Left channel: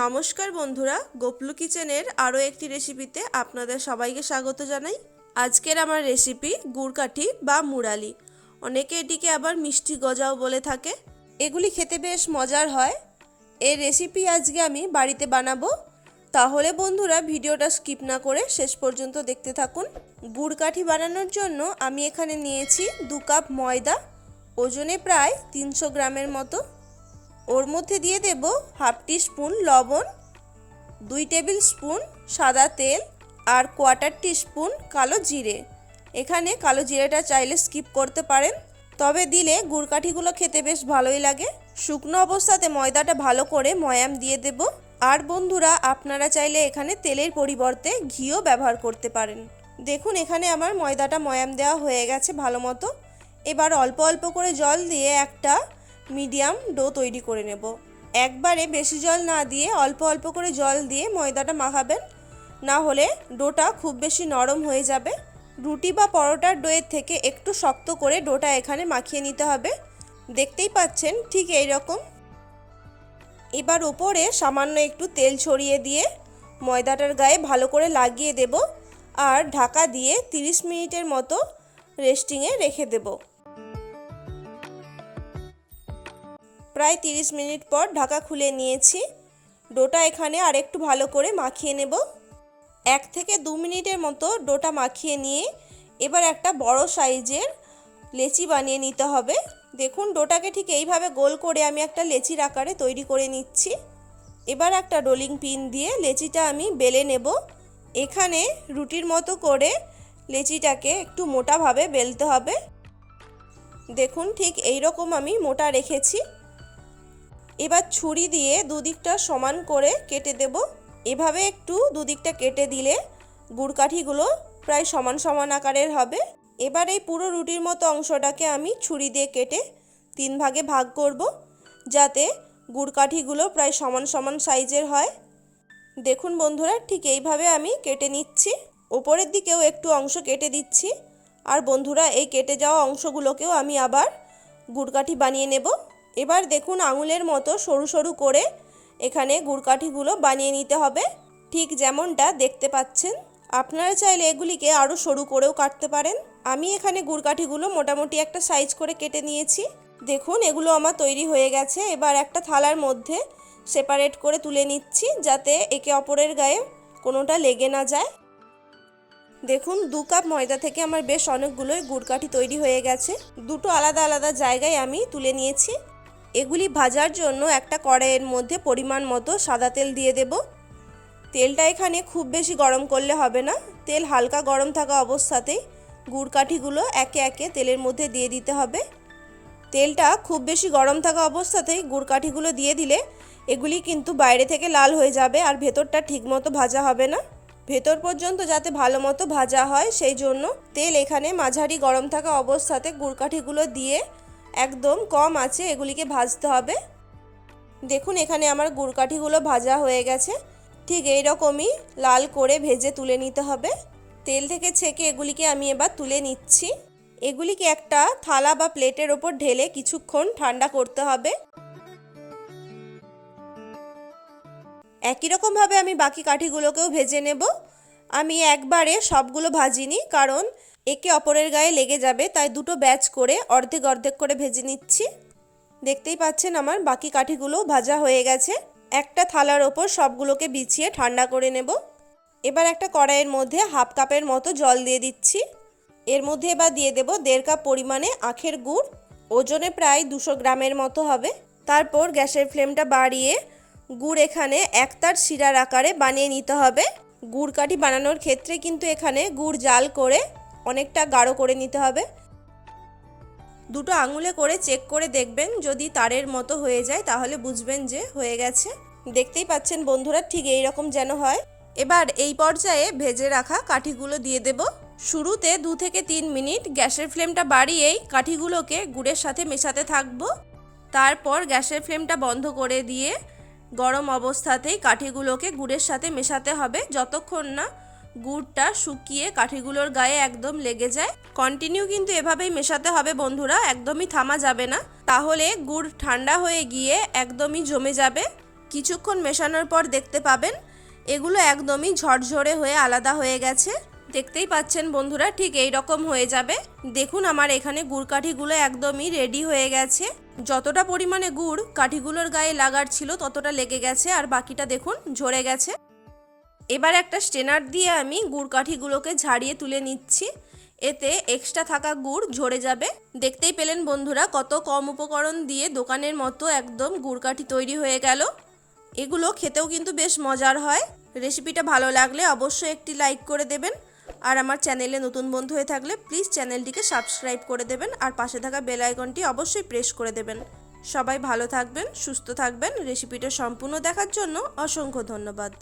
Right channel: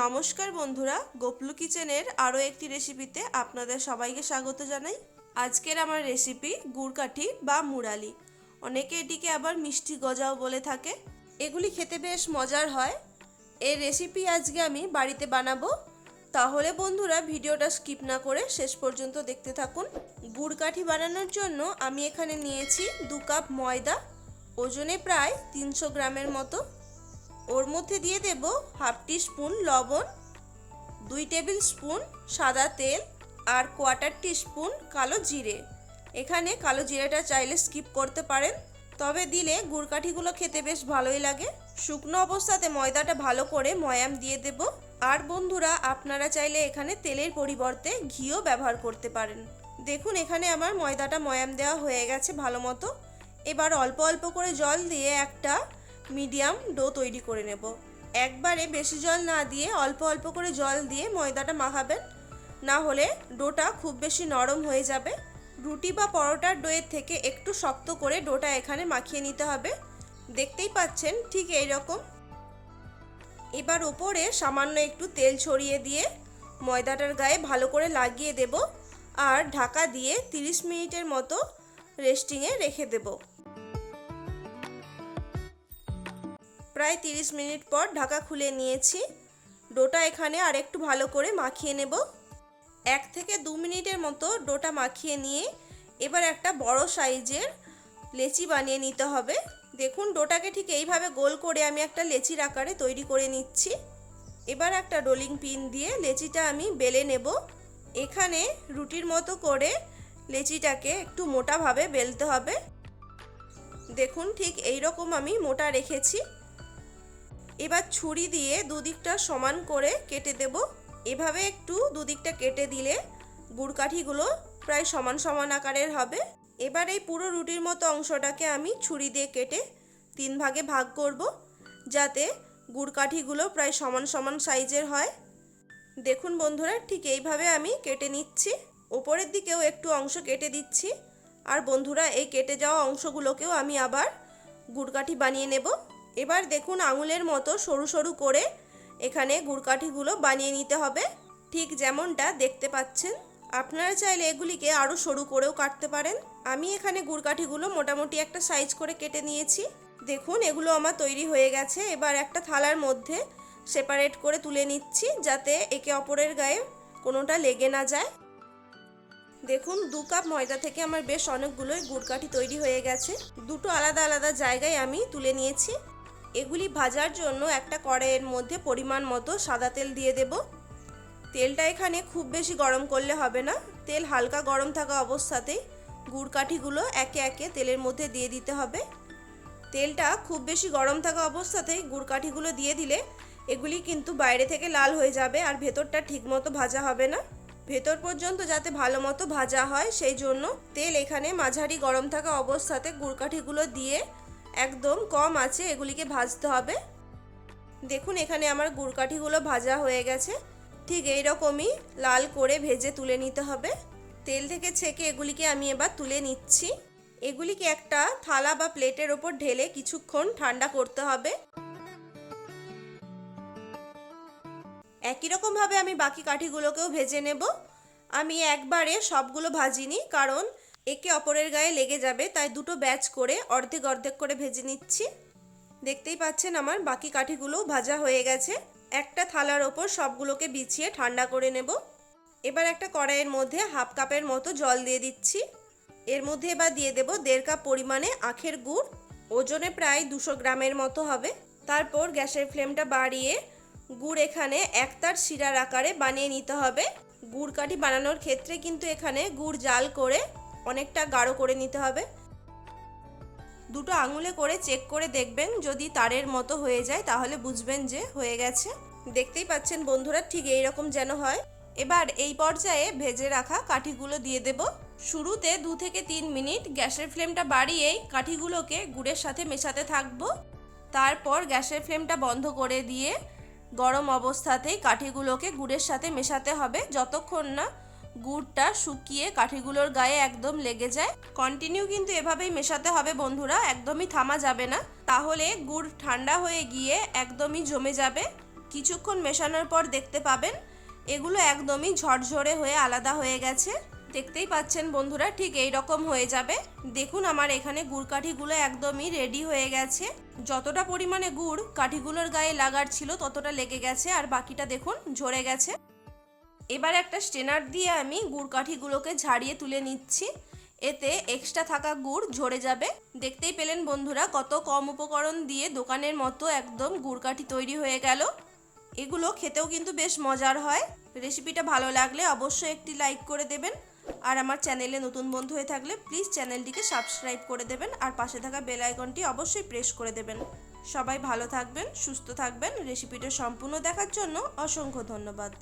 নমস্কার বন্ধুরা, গোপলু কিচেনের আরও একটি রেসিপিতে আপনাদের সবাইকে স্বাগত জানাই। আজকের আমার রেসিপি গুড়কাঠি বা মুরালি অনেকে এটিকে আবার মিষ্টি গজাও বলে থাকে। এগুলি খেতে বেশ মজার হয়। এই রেসিপি আজকে আমি বাড়িতে বানাবো। তাহলে বন্ধুরা, ভিডিওটা স্কিপ না করে শেষ পর্যন্ত দেখতে থাকুন। গুড়কাঠি বানানোর জন্য আমি এখানে নিয়েছি দু কাপ ময়দা, ওজনে প্রায় তিনশো গ্রামের মতো। ওর মধ্যে দিয়ে দেব হাফ টি স্পুন লবণ, দুই টেবিল স্পুন সাদা তেল আর কোয়ার্টার টি স্পুন কালো জিরে। এখানে কালো জিরেটা চাইলে স্কিপ করতে পারেন, তবে দিলে গুড়কাঠিগুলো খেতে বেশ ভালোই লাগে। শুকনো অবস্থাতে ময়দাটা ভালো করে ময়াম দিয়ে দেব। আর বন্ধুরা, আপনারা চাইলে এখানে তেলের পরিবর্তে ঘিও ব্যবহার করতে পারেন। দেখুন, এখানে আমার ময়দাটা ময়াম দেওয়া হয়ে গেছে ভালো মতো। এবার অল্প অল্প করে জল দিয়ে একটা মিডিয়াম ডো তৈরি করে নেব। একবারে বেশি জল না দিয়ে, অল্প অল্প করে জল দিয়ে ময়দাটা মাখাবেন। না হলে ডোটা খুব বেশি নরম হয়ে যাবে। রুটি বা পরোটার ডোয়ের থেকে একটু শক্ত করে ডোটা এখানে মাখিয়ে নিতে হবে। দেখতেই পাচ্ছেন, ঠিক এই রকম। এবার উপরে সামান্য একটু তেল ছড়িয়ে দিয়ে ময়দাটার গায়ে ভালো করে লাগিয়ে দেব। আর ঢাকা দিয়ে 30 মিনিটের মতো রেস্টিংয়ে রেখে দেবো। প্রায় 30 মিনিট পর ঢাকা খুলে নিয়েছি। ডোটা এখানে আর একটু ভালো করে মাখিয়ে নেব। এক থেকে দু মিনিটের মতো ডোটা মাখিয়ে নিয়ে এবার একটা বড় সাইজের লেচি বানিয়ে নিতে হবে। দেখুন, ডোটাকে ঠিক এইভাবে গোল করে আমি একটা লেচির আকারে তৈরি করে নিচ্ছি। এবার একটা রোলিং পিন দিয়ে লেচিটা আমি বেলে নেব। এখানে রুটির মতো করে লেচিটাকে একটু মোটাভাবে বেলতে হবে। দেখুন, ঠিক এই রকম আমি মোটা রেখেছি। এবার ছুরি দিয়ে দুদিকটা সমান করে কেটে দেব। এভাবে একটু দুদিকটা কেটে দিলে গুড়কাঠিগুলো প্রায় সমান সমান আকারের হবে। এবার এই পুরো রুটির মতো অংশটাকে আমি ছুরি দিয়ে কেটে তিন ভাগে ভাগ করব, যাতে গুড়কাঠিগুলো প্রায় সমান সমান সাইজের হয়। দেখুন বন্ধুরা, ঠিক এইভাবে আমি কেটে নিচ্ছি। ওপরের দিকেও একটু অংশ কেটে দিচ্ছি। আর বন্ধুরা, এই কেটে যাওয়া অংশগুলোকেও আমি আবার গুড়কাঠি বানিয়ে নেব। এবার দেখুন আঙুলের মতো সরু সরু করে এখানে গুড়কাঠিগুলো বানিয়ে নিতে হবে। ঠিক যেমনটা দেখতে পাচ্ছেন। আপনারা চাইলে এগুলিকে আরও সরু করেও কাটতে পারেন। আমি এখানে গুড়কাঠিগুলো মোটামুটি একটা সাইজ করে কেটে নিয়েছি। দেখুন, এগুলো আমার তৈরি হয়ে গেছে। এবার একটা থালার মধ্যে সেপারেট করে তুলে নিচ্ছি যাতে একে অপরের গায়ে কোনোটা লেগে না যায়। দেখুন, দু কাপ ময়দা থেকে আমার বেশ অনেকগুলোই গুড়কাঠি তৈরি হয়ে গেছে। দুটো আলাদা আলাদা জায়গায় আমি তুলে নিয়েছি। এগুলি ভাজার জন্য একটা কড়াইয়ের মধ্যে পরিমাণ মতো সাদা তেল দিয়ে দেব। তেলটা এখানে খুব বেশি গরম করলে হবে না। তেল হালকা গরম থাকা অবস্থাতেই গুড়কাঠিগুলো একে একে তেলের মধ্যে দিয়ে দিতে হবে। তেলটা খুব বেশি গরম থাকা অবস্থাতেই গুড়কাঠিগুলো দিয়ে দিলে এগুলি কিন্তু বাইরে থেকে লাল হয়ে যাবে আর ভেতরটা ঠিকমতো ভাজা হবে না। ভেতর পর্যন্ত যাতে ভালো মতো ভাজা হয়, সেই জন্য তেল এখানে মাঝারি গরম থাকা অবস্থাতে গুড়কাঠিগুলো দিয়ে একদম কম আছে, এগুলিকে ভাজতে হবে। দেখুন, এখানে আমার গুড়কাঠিগুলো ভাজা হয়ে গেছে। ঠিক এই রকমই লাল করে ভেজে তুলে নিতে হবে। তেল থেকে ছেঁকে এগুলিকে আমি এবার তুলে নিচ্ছি। এগুলিকে একটা থালা বা প্লেটের ওপর ঢেলে কিছুক্ষণ ঠান্ডা করতে হবে। একই রকমভাবে আমি বাকি কাঠিগুলোকেও ভেজে নেব। আমি একবারে সবগুলো ভাজিনি, কারণ একে অপরের গায়ে লেগে যাবে, তাই দুটো ব্যাচ করে অর্ধেক অর্ধেক করে ভেজে নিচ্ছি। দেখতেই পাচ্ছেন আমার বাকি কাঠিগুলো ভাজা হয়ে গেছে। একটা থালার ওপর সবগুলোকে বিছিয়ে ঠান্ডা করে নেব। এবার একটা কড়াইয়ের মধ্যে হাফ কাপের মতো জল দিয়ে দিচ্ছি। এর মধ্যে এবার দিয়ে দেব দেড় কাপ পরিমাণে আখের গুড়। ওজনে প্রায় দুশো গ্রামের মতো হবে। তারপর গ্যাসের ফ্লেমটা বাড়িয়ে গুড় এখানে একতার শিরার আকারে বানিয়ে নিতে হবে। গুড় কাঠি বানানোর ক্ষেত্রে কিন্তু এখানে গুড় জাল করে অনেকটা গাঢ় করে নিতে হবে। দুটো আঙুলে করে চেক করে দেখবেন যদি তারের মতো হয়ে যায় তাহলে বুঝবেন যে হয়ে গেছে। দেখতেই পাচ্ছেন বন্ধুরা ঠিক এই রকম যেন হয়। এবার এই পর্যায়ে ভেজে রাখা কাঠিগুলো দিয়ে দেব। শুরুতে দু থেকে তিন মিনিট গ্যাসের ফ্লেমটা বাড়িয়েই কাঠিগুলোকে গুড়ের সাথে মেশাতে থাকব। তারপর গ্যাসের ফ্লেমটা বন্ধ করে দিয়ে গরম অবস্থাতেই কাঠিগুলোকে গুড়ের সাথে মেশাতে হবে। যতক্ষণ না গুড়টা শুকিয়ে কাঠিগুলোর গায়ে একদম লেগে যায়। কন্টিনিউ কিন্তু এভাবেই মেশাতে হবে বন্ধুরা, একদমই থামা যাবে না। তাহলে গুড় ঠান্ডা হয়ে গিয়ে একদমই জমে যাবে। কিছুক্ষণ মেশানোর পর দেখতে পাবেন, এগুলো একদমই ঝরঝরে হয়ে আলাদা হয়ে গেছে। দেখতেই পাচ্ছেন বন্ধুরা, ঠিক এই রকম হয়ে যাবে। দেখুন আমার এখানে গুড় কাঠিগুলো একদমই রেডি হয়ে গেছে। যতটা পরিমাণে গুড় কাঠিগুলোর গায়ে লাগার ছিল ততটা লেগে গেছে, আর বাকিটা দেখুন ঝরে গেছে। এবার একটা স্টেনার দিয়ে আমি গুড় কাঠিগুলোকে ঝাড়িয়ে তুলে নিচ্ছি। এতে এক্সট্রা থাকা গুড় ঝরে যাবে। দেখতেই পেলেন বন্ধুরা, কত কম উপকরণ দিয়ে দোকানের মতো একদম গুড় কাঠি তৈরি হয়ে গেল। এগুলো খেতেও কিন্তু বেশ মজার হয়। রেসিপিটা ভালো লাগলে অবশ্যই একটি লাইক করে দেবেন। আর আমার চ্যানেলে নতুন বন্ধু হয়ে থাকলে প্লিজ চ্যানেলটিকে সাবস্ক্রাইব করে দেবেন। আর পাশে থাকা বেল আইকনটি অবশ্যই প্রেস করে দেবেন। সবাই ভালো থাকবেন, সুস্থ থাকবেন। রেসিপিটা সম্পূর্ণ দেখার জন্য অসংখ্য ধন্যবাদ।